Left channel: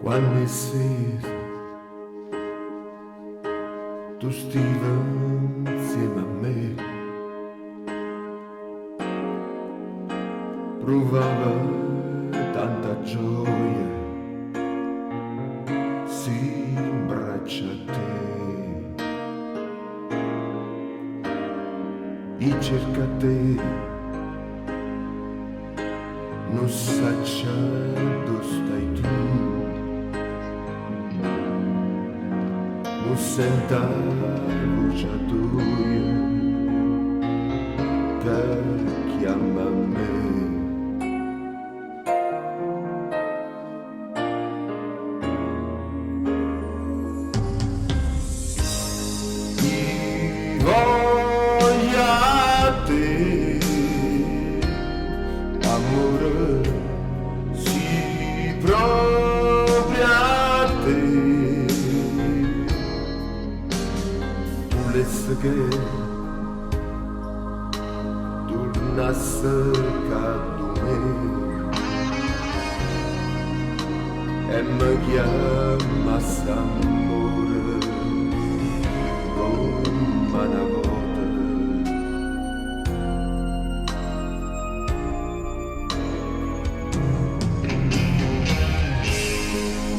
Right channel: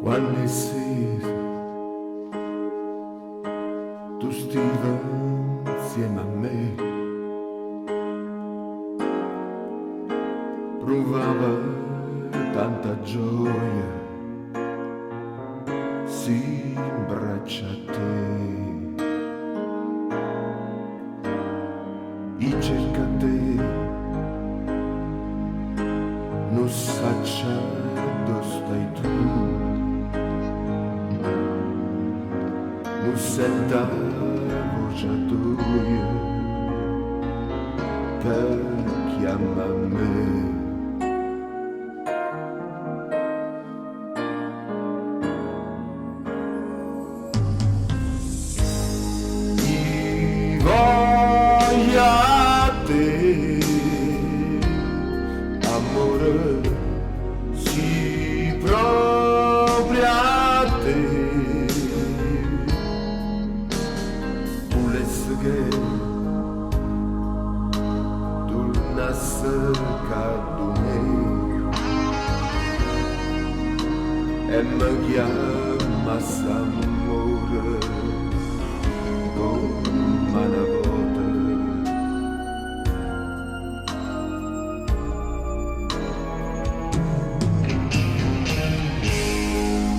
Quando è sera tu stivi insieme a me, provava tanta gioia, si imbraccia a te e cerca te, non saccia dove stai tu. Non senta voce tua che chiama me. I voglia te, amore, si propria te. Che tornasse caddo me e mi chiamasse amore come una volta.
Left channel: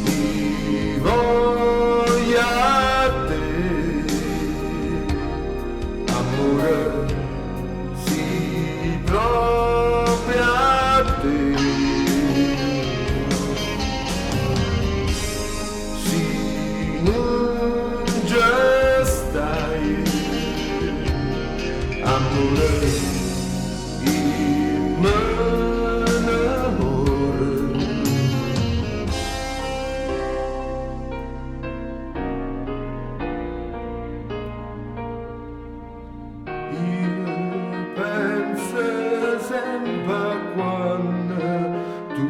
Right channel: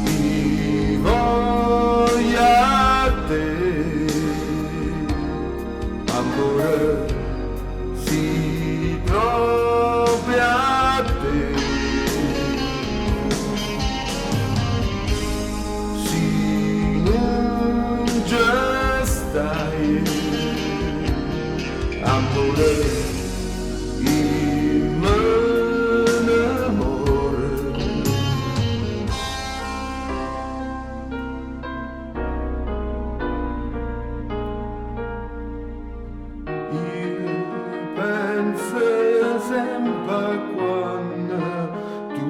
Mi voglia te, amore, si propria a te, si non già stai, amore, io me innamoro. Pensa sempre quando tu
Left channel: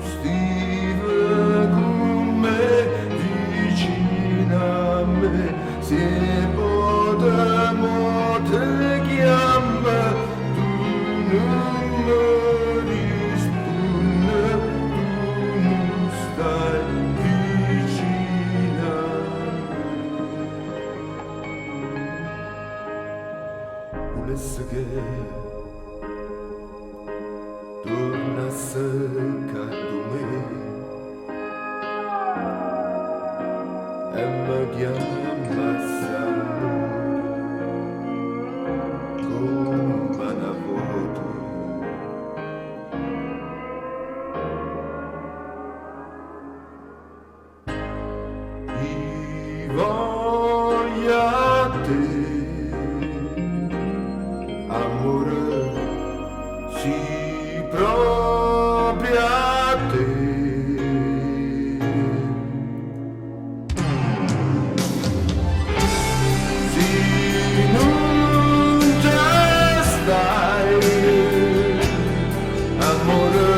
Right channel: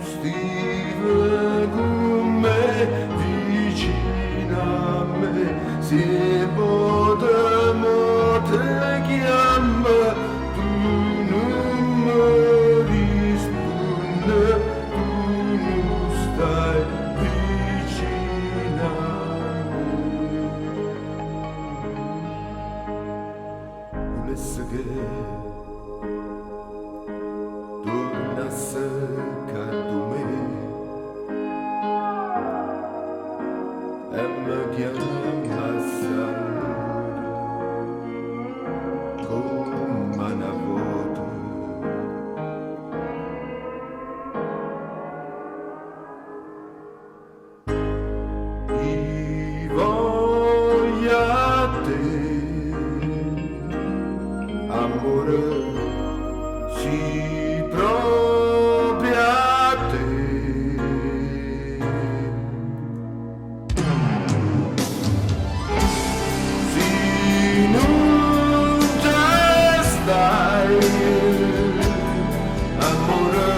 stivi con me, vicino a me, se potremmo te chiama, tu non mi rispondi, tu non stai vicino a me. Volesse che tornasse caddo me e mi chiamasse amore come una volta. I voglia te, amore, si propria a te. Si non già stai, amore,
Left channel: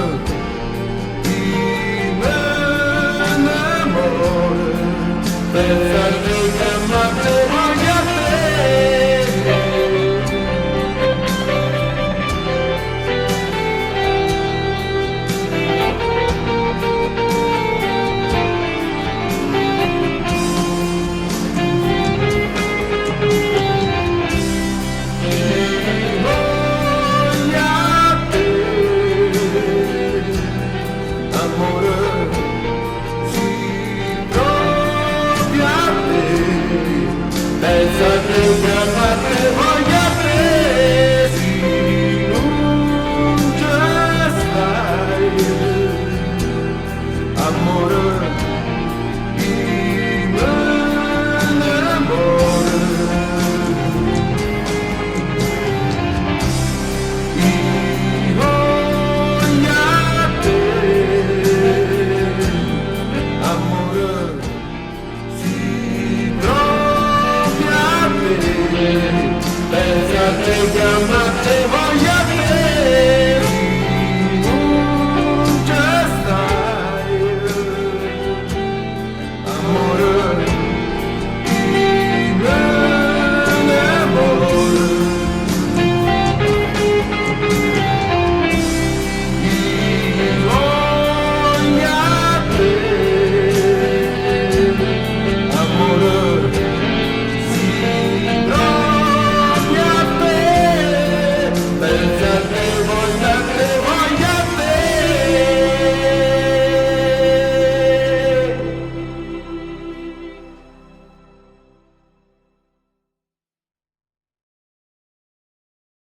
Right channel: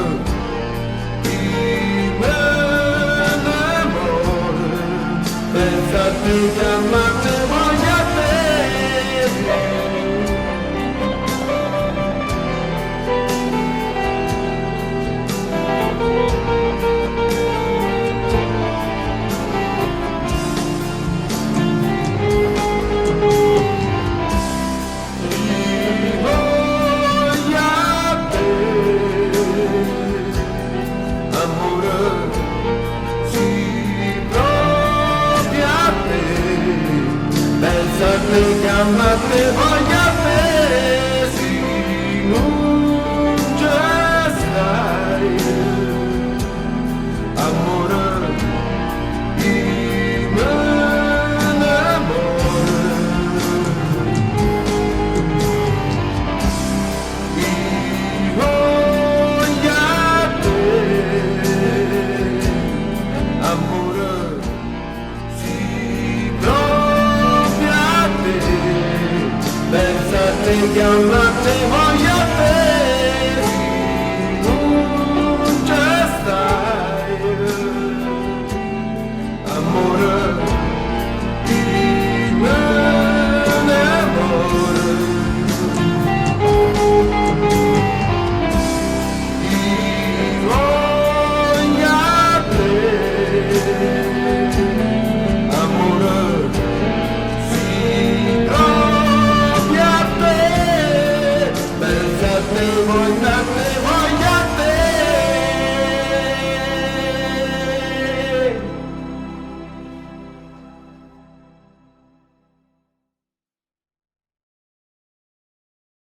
io me innamoro, pensa a te che mi te voglio a te. Pensa che chiamate